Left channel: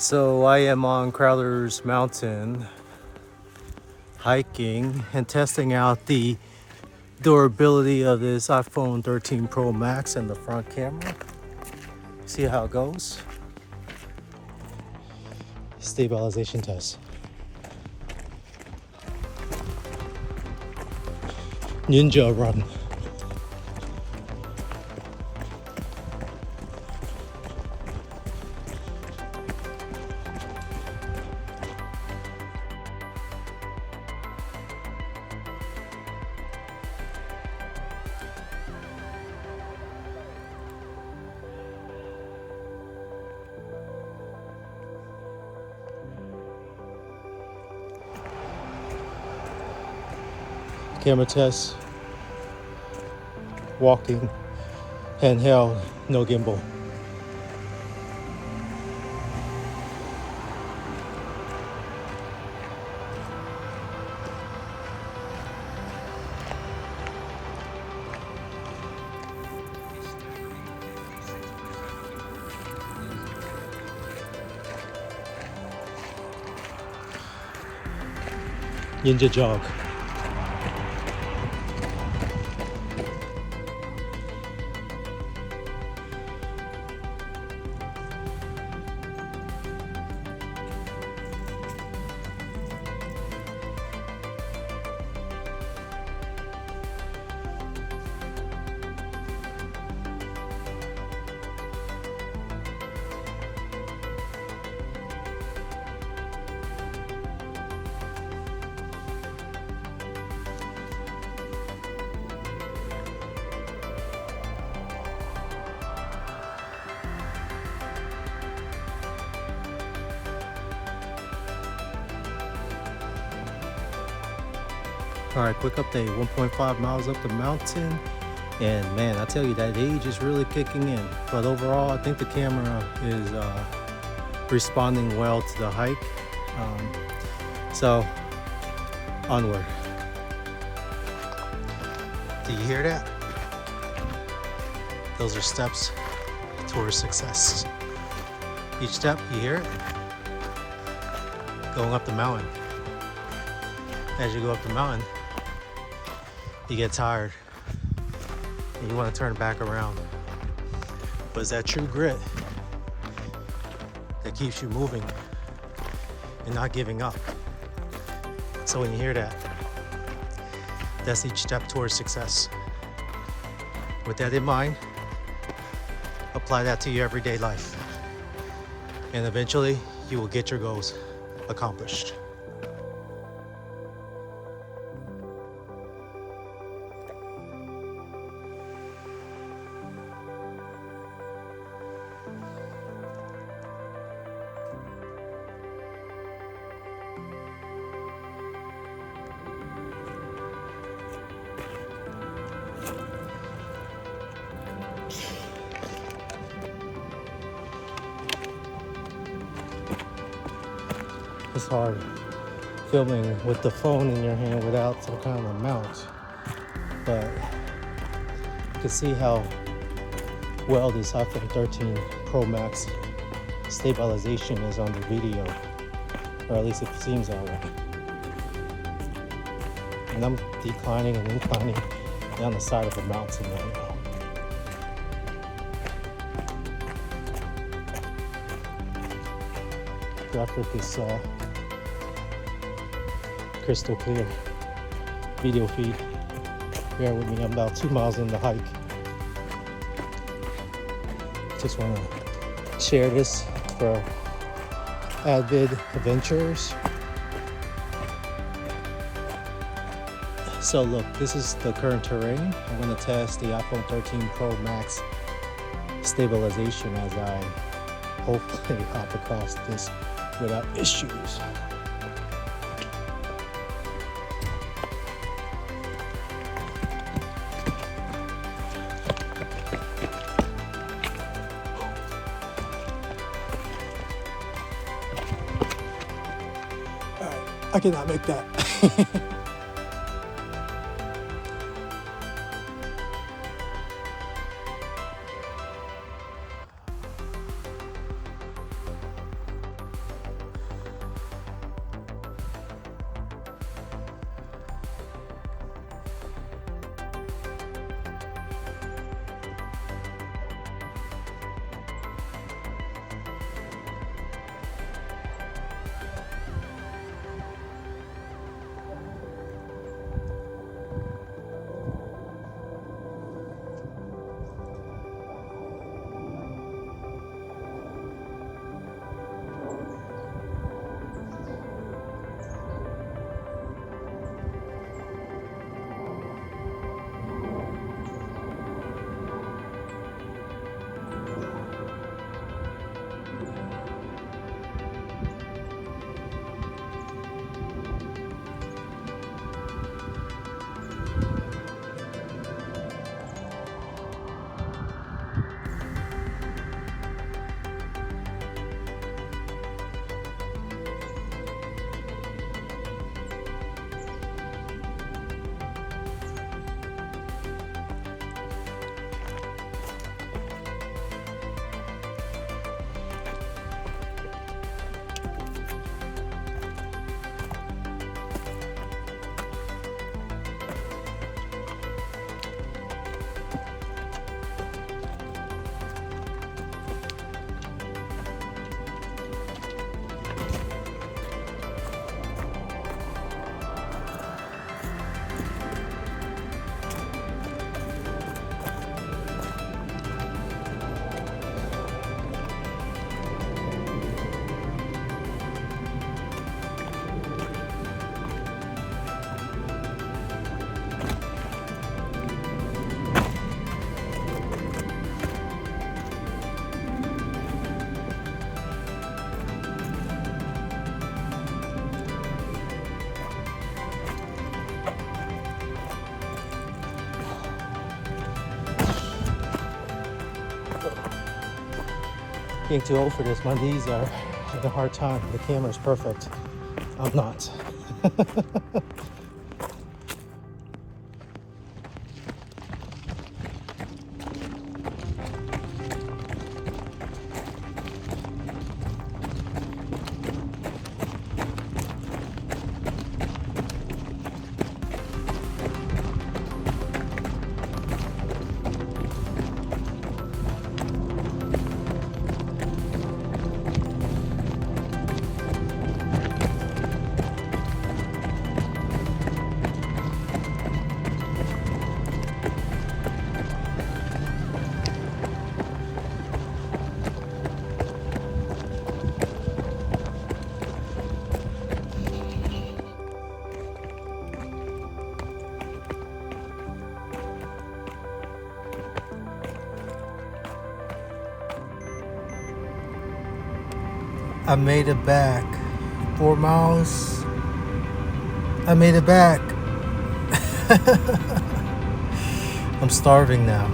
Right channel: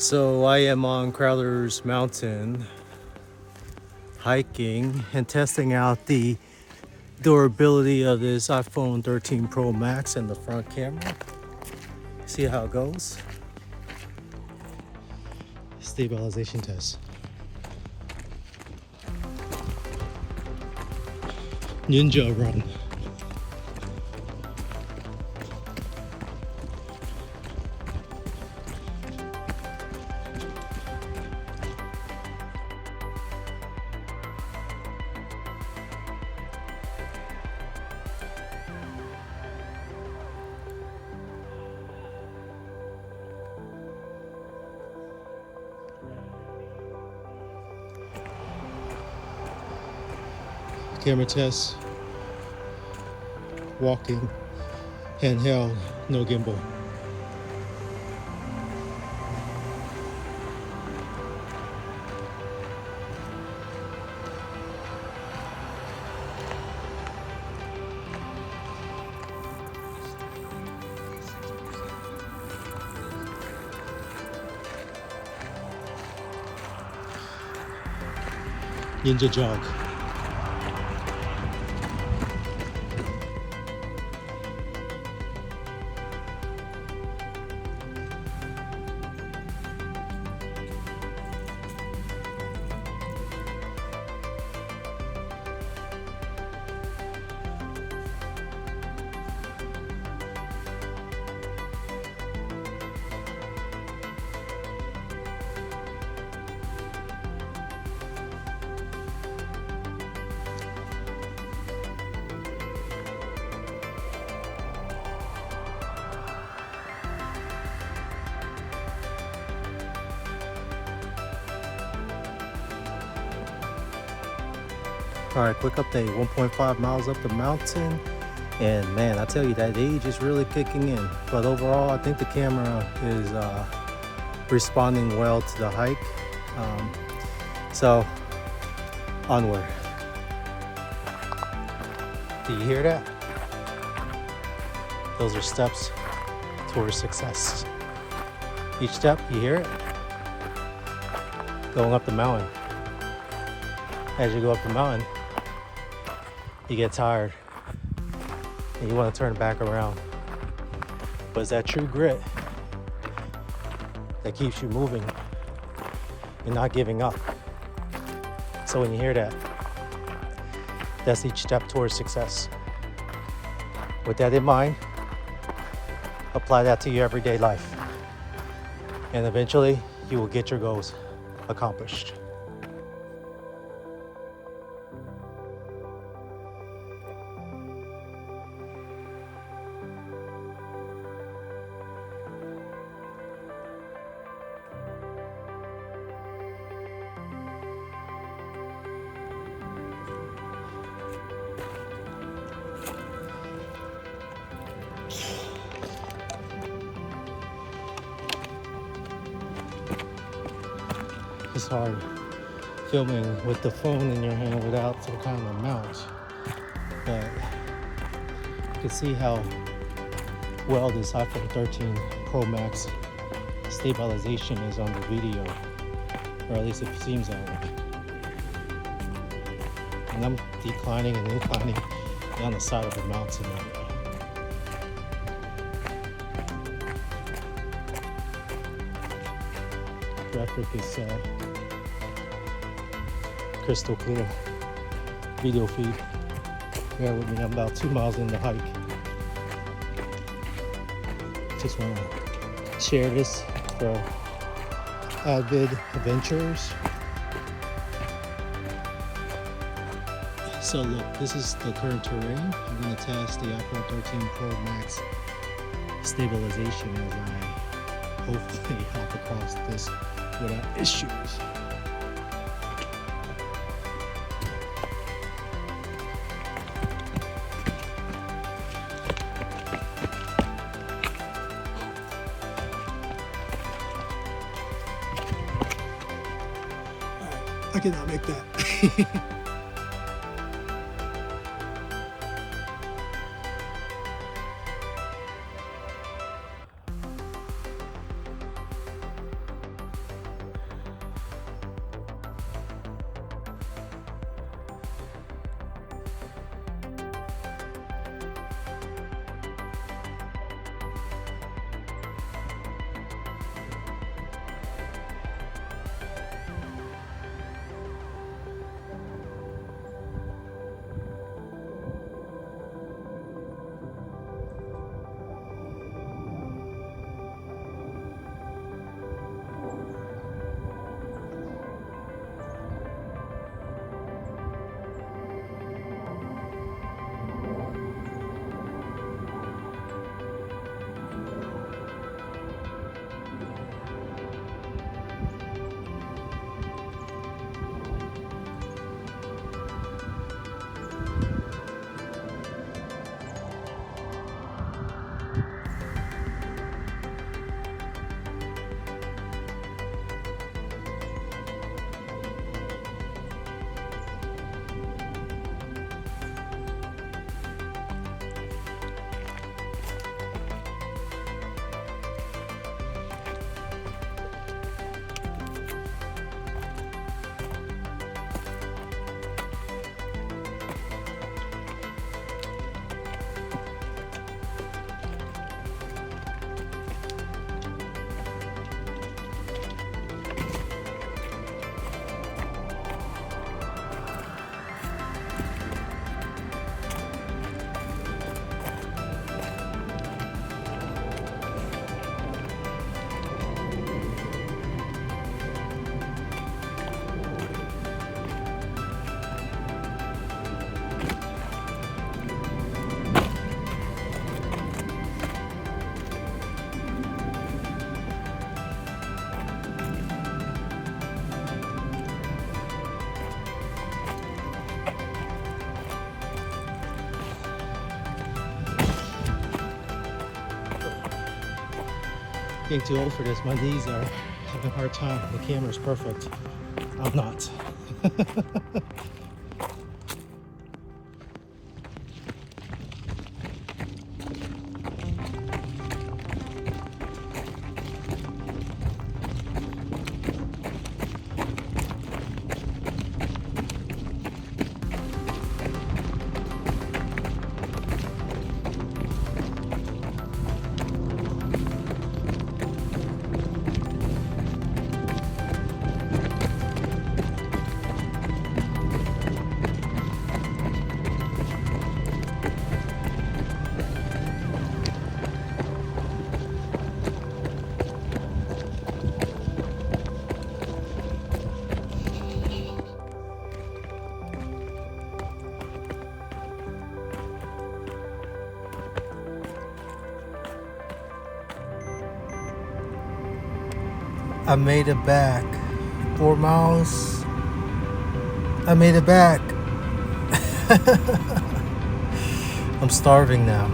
So I am on Crowder's Mountain hiking and testing out the durability of this iPhone 13 Pro Max and the front camera. See how it goes. Stabilization test. Ninja run. Camera test. Walking. Handheld. No gimbal. Ninja jog. All right, quick update, 1.5 miles up the mountain. And man, I tell you, that age is really kicking in. But overall, I think the camera is responding well to the hike. So, onward. Do you hear that? Those are steps towards success. Each step, you hear it? Going up the mountain. As you go up the mountain, you get tired and you want to turn back around. But it's that true grit that keeps you moving and not giving up. So when you hear that, that's each step towards success. With that in mind, apply that to your everyday life. And eventually, you will get your goals accomplished. It's hard filming with the phone in your hand without some kind of mount, but you can see how well this iPhone 13 Pro Max stabilization is on the video, or at least it seems that way. And I'm declining and inclining down the side of a mountain right now. Graphic is crystal clear. Video feed. Bear with me, I'm about 2 miles in the hike. Just want to share this for avid adventurers. So look, this is the current terrain. I'm going to test the iPhone 13 Pro Max stabilization as I hopefully hop across this without issues. All right, I cannot make that. getting too old for this. My knees are having a hard time. The camera's perfect. I'm not. I made it back. 4 miles. I made it back. I'm starving now.